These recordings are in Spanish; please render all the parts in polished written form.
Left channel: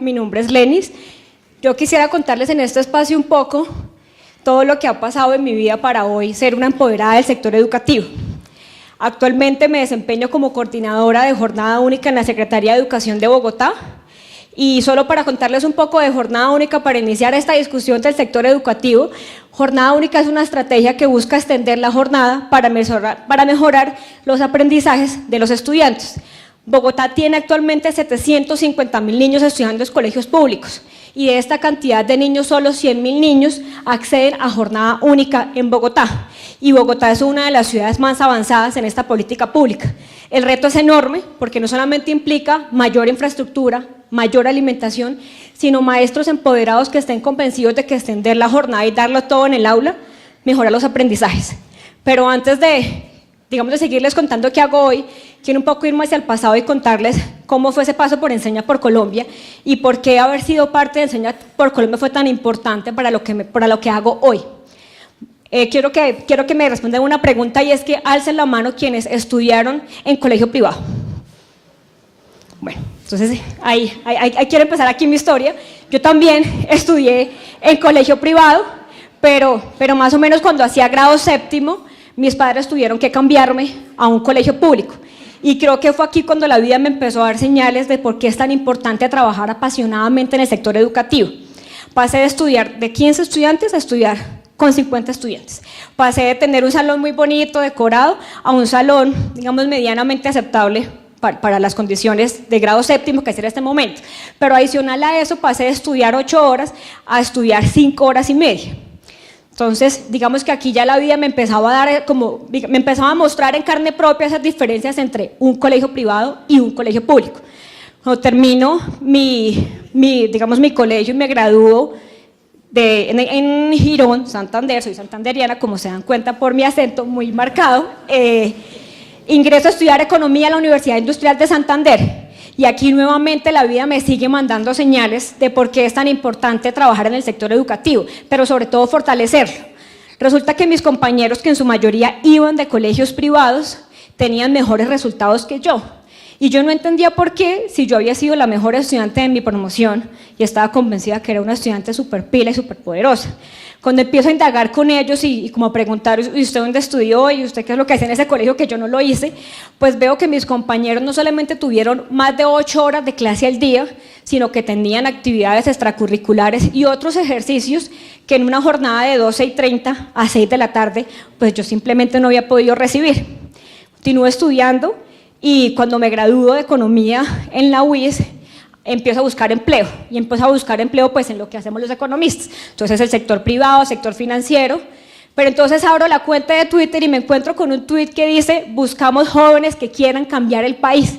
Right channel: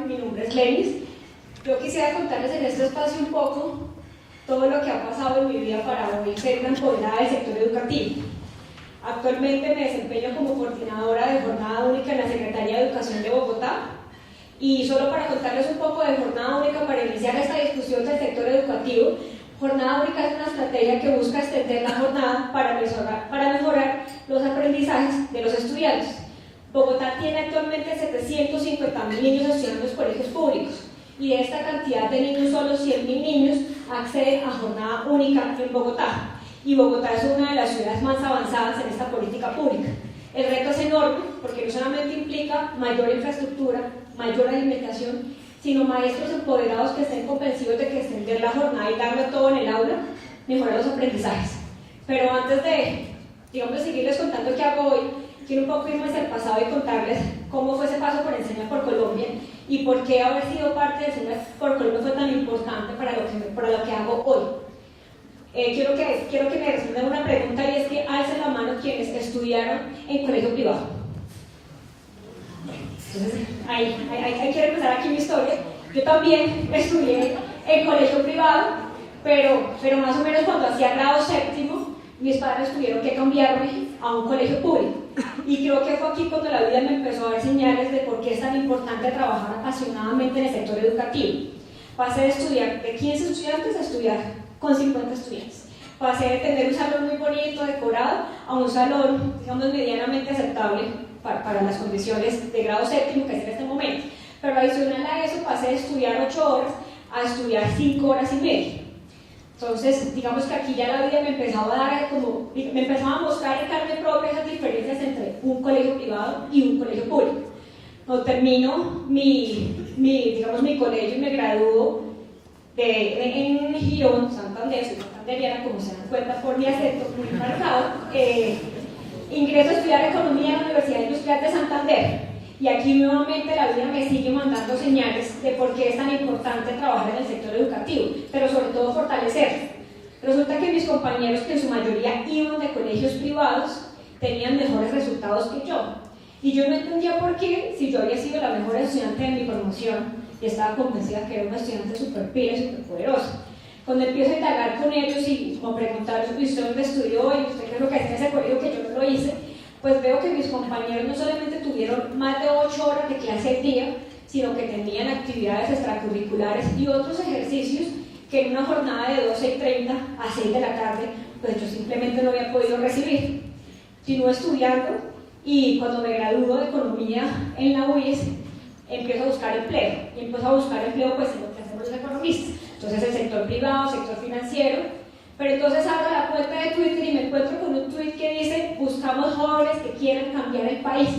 Mi nombre es Lenis. Yo quisiera contarles en este espacio un poco todo lo que ha pasado en mi vida para hoy ser una empoderada del sector educativo. Actualmente me desempeño como coordinadora de Jornada Única en la Secretaría de Educación de Bogotá. Y solo para contarles un poco de Jornada Única para iniciar esta discusión del sector educativo, Jornada Única es una estrategia que busca extender la jornada para mejorar los aprendizajes de los estudiantes. Bogotá tiene actualmente 750.000 niños estudiando en colegios públicos y de esta cantidad de niños solo 100.000 niños acceden a Jornada Única en Bogotá, y Bogotá es una de las ciudades más avanzadas en esta política pública. El reto es enorme porque no solamente implica mayor infraestructura, mayor alimentación, sino maestros empoderados que estén convencidos de que extender la jornada y darlo todo en el aula mejora los aprendizajes. Pero antes de seguirles contando qué hago hoy, quiero un poco irme hacia el pasado y contarles cómo fue ese paso por Enseña por Colombia y por qué haber sido parte de Enseña por Colombia fue tan importante para lo que hago hoy. Quiero que me respondan una pregunta, y es que alcen la mano quienes estudiaron en colegio privado. Bueno, entonces ahí quiero empezar aquí mi historia. Yo también estudié en colegio privado, pero más o menos cuando hacía grado séptimo, mis padres tuvieron que cambiarme a un colegio público, y creo que fue aquí cuando la vida me empezó a dar señales de por qué es tan importante trabajar apasionadamente en el sector educativo. Pasé de estudiar de 15 estudiantes a estudiar con 50 estudiantes. Pasé de tener un salón muy bonito, decorado, a un salón, digamos, medianamente aceptable para las condiciones de grado séptimo que es en este momento. Pero adicional a eso, pasé de estudiar 8 horas a estudiar 5 horas y media. Entonces, digamos que aquí ya la vida me empezaba a mostrar en carne propia esas diferencias entre un colegio privado y un colegio público. Cuando termino mi colegio y me gradúo en Girón, Santander, soy santanderiana, como se dan cuenta por mi acento muy marcado, ingreso a estudiar Economía en la Universidad Industrial de Santander. Y aquí nuevamente la vida me sigue mandando señales de por qué es tan importante trabajar en el sector educativo, pero sobre todo fortalecerlo. Resulta que mis compañeros, que en su mayoría iban de colegios privados, tenían mejores resultados que yo. Y yo no entendía por qué, si yo había sido la mejor estudiante de mi promoción y estaba convencida que era una estudiante súper pila y súper poderosa. Cuando empiezo a indagar con ellos y como a preguntar, ¿y usted dónde estudió? ¿Y usted qué es lo que hace en ese colegio que yo no lo hice? Pues veo que mis compañeros no solamente tuvieron más de 8 horas de clase al día, sino que tenían actividades extracurriculares y otros ejercicios que en una jornada de 12:30 a 6 de la tarde, pues yo simplemente no había podido recibir. Continué estudiando y cuando me gradúo de Economía en la UIS, empiezo a buscar empleo, y empiezo a buscar empleo pues en lo que hacemos los economistas, entonces el sector privado, sector financiero. Pero entonces abro la cuenta de Twitter y me encuentro con un tweet que dice: buscamos jóvenes que quieran cambiar el país.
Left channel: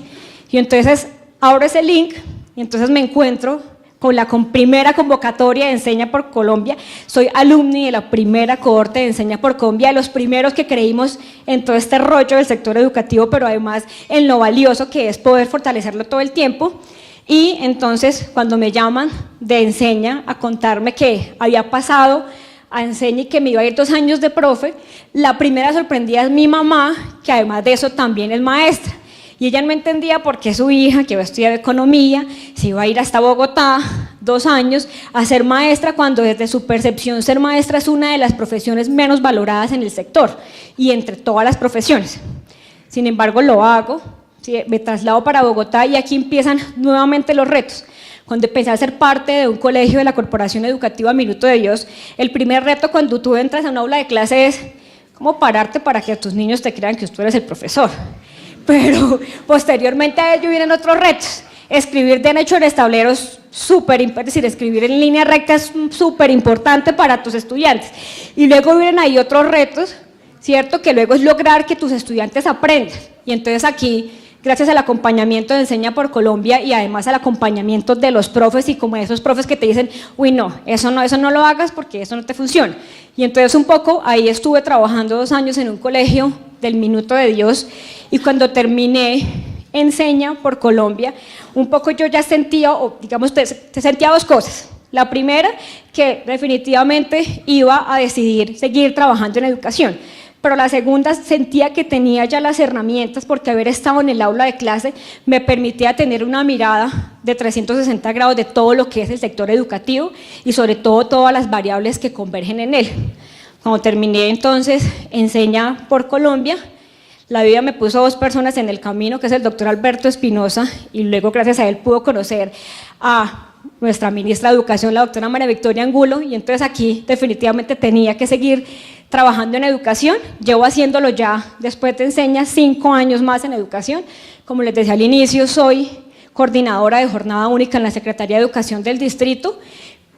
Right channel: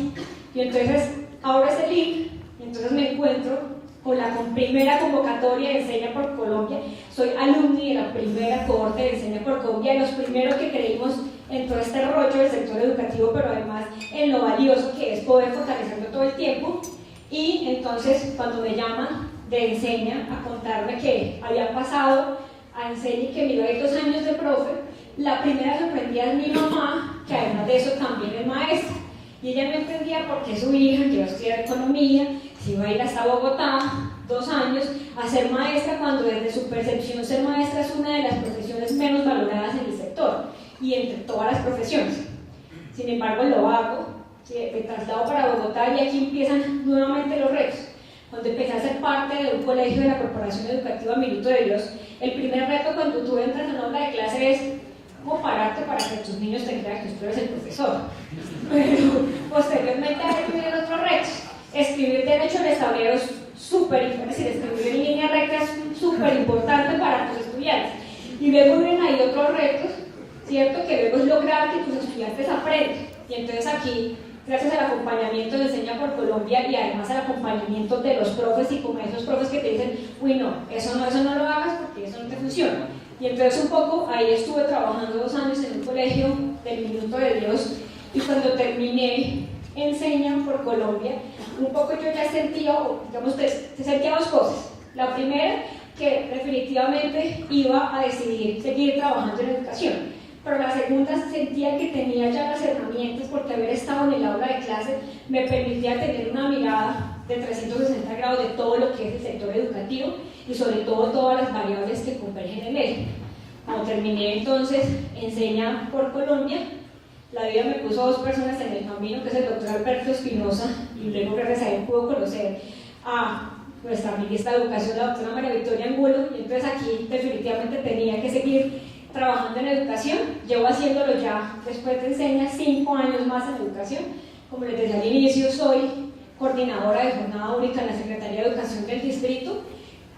Y entonces abro ese link y entonces me encuentro con la primera convocatoria de Enseña por Colombia. Soy alumni de la primera cohorte de Enseña por Colombia, de los primeros que creímos en todo este rollo del sector educativo, pero además en lo valioso que es poder fortalecerlo todo el tiempo. Y entonces cuando me llaman de Enseña a contarme que había pasado a Enseña y que me iba a ir 2 años de profe, la primera sorprendida es mi mamá, que además de eso también es maestra, y ella no entendía por qué su hija, que iba a estudiar Economía, se iba a ir hasta Bogotá 2 años a ser maestra, cuando desde su percepción ser maestra es una de las profesiones menos valoradas en el sector y entre todas las profesiones. Sin embargo, lo hago. Sí, me traslado para Bogotá y aquí empiezan nuevamente los retos. Cuando empecé a ser parte de un colegio de la Corporación Educativa Minuto de Dios, el primer reto cuando tú entras a un aula de clase es cómo pararte para que tus niños te crean que tú eres el profesor. Pero posteriormente a ello vienen otros retos. Escribir derecho en tableros, es decir, escribir en línea recta es súper importante para tus estudiantes. Y luego vienen ahí otros retos, ¿cierto? Que luego es lograr que tus estudiantes aprendan. Y entonces aquí, gracias al acompañamiento de Enseña por Colombia y además al acompañamiento de los profes, y como esos profes que te dicen: uy, no, eso no lo hagas porque eso no te funciona. Y entonces un poco ahí estuve trabajando 2 años en un colegio del Minuto de Dios, y cuando terminé Enseña por Colombia, un poco yo ya sentía, sentía 2 cosas. La primera, que definitivamente iba a decidir seguir trabajando en educación. pero la segunda sentía que tenía ya las herramientas porque haber estado en el aula de clase me permitía tener una mirada de 360 grados de todo lo que es el sector educativo y sobre todo todas las variables que convergen en él. Cuando terminé entonces Enseña por Colombia, la vida me puso dos personas en el camino, que es el doctor Alberto Espinosa, y luego gracias a él pudo conocer a nuestra ministra de Educación, la doctora María Victoria Angulo, y entonces aquí definitivamente tenía que seguir trabajando en educación. Llevo haciéndolo ya, después de Enseña, 5 años más en educación. Como les decía al inicio, soy coordinadora de jornada única en la Secretaría de Educación del distrito,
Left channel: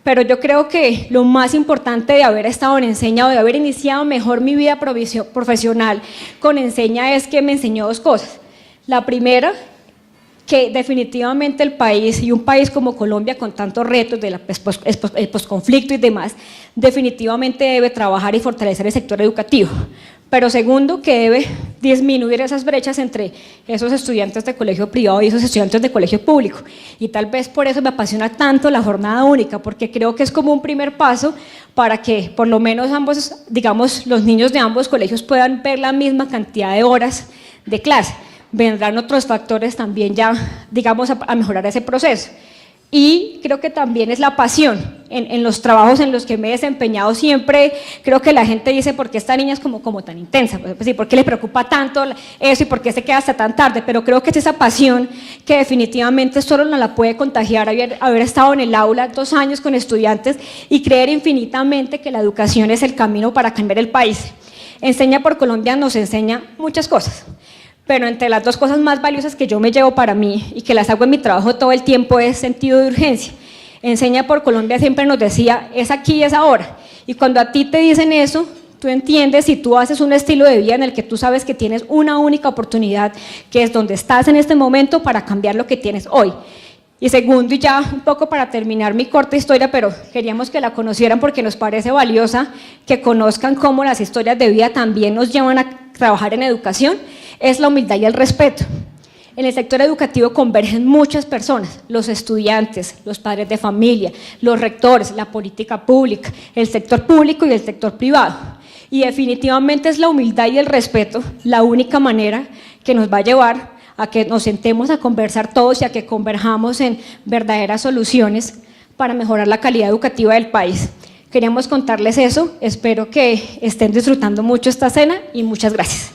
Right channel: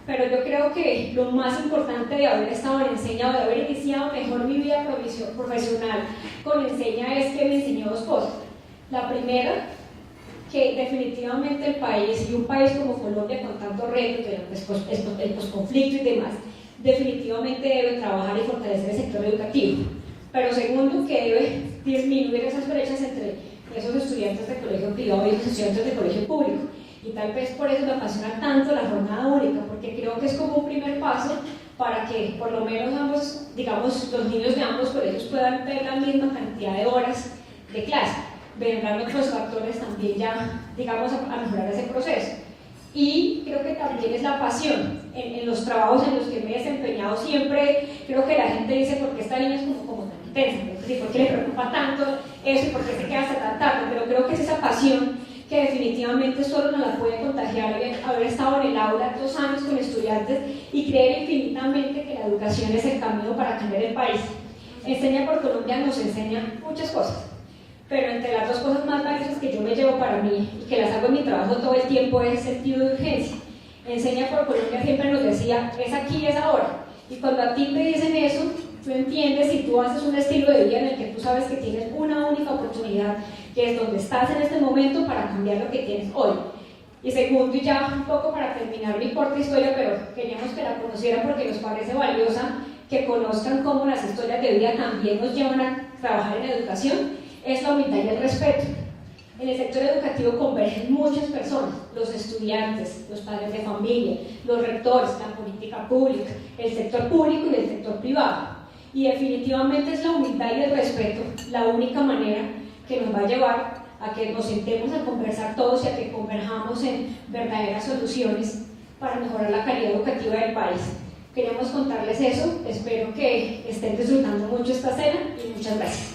pero yo creo que lo más importante de haber estado en Enseña o de haber iniciado mejor mi vida profesional con Enseña es que me enseñó dos cosas. La primera, que definitivamente el país, y un país como Colombia con tantos retos del posconflicto y demás, definitivamente debe trabajar y fortalecer el sector educativo. Pero segundo, que debe disminuir esas brechas entre esos estudiantes de colegio privado y esos estudiantes de colegio público. Y tal vez por eso me apasiona tanto la jornada única, porque creo que es como un primer paso para que por lo menos ambos, digamos, los niños de ambos colegios puedan ver la misma cantidad de horas de clase. Vendrán otros factores también ya, digamos, a mejorar ese proceso. Y creo que también es la pasión en los trabajos en los que me he desempeñado. Siempre creo que la gente dice, ¿por qué esta niña es como tan intensa? Pues sí, ¿por qué le preocupa tanto eso y por qué se queda hasta tan tarde? Pero creo que es esa pasión que definitivamente solo nos la puede contagiar haber estado en el aula 2 años con estudiantes y creer infinitamente que la educación es el camino para cambiar el país. Enseña por Colombia nos enseña muchas cosas, pero entre las dos cosas más valiosas que yo me llevo para mí y que las hago en mi trabajo todo el tiempo es sentido de urgencia. Enseña por Colombia siempre nos decía, es aquí y es ahora, y cuando a ti te dicen eso, tú entiendes y tú haces un estilo de vida en el que tú sabes que tienes una única oportunidad, que es donde estás en este momento para cambiar lo que tienes hoy. Y segundo, y ya un poco para terminar mi corta historia, pero queríamos que la conocieran porque nos parece valiosa, que conozcan cómo las historias de vida también nos llevan a trabajar en educación, es la humildad y el respeto. En el sector educativo convergen muchas personas, los estudiantes, los padres de familia, los rectores, la política pública, el sector público y el sector privado. Y definitivamente es la humildad y el respeto la única manera que nos va a llevar a que nos sentemos a conversar todos y a que converjamos en verdaderas soluciones para mejorar la calidad educativa del país. Queríamos contarles eso, espero que estén disfrutando mucho esta cena y muchas gracias.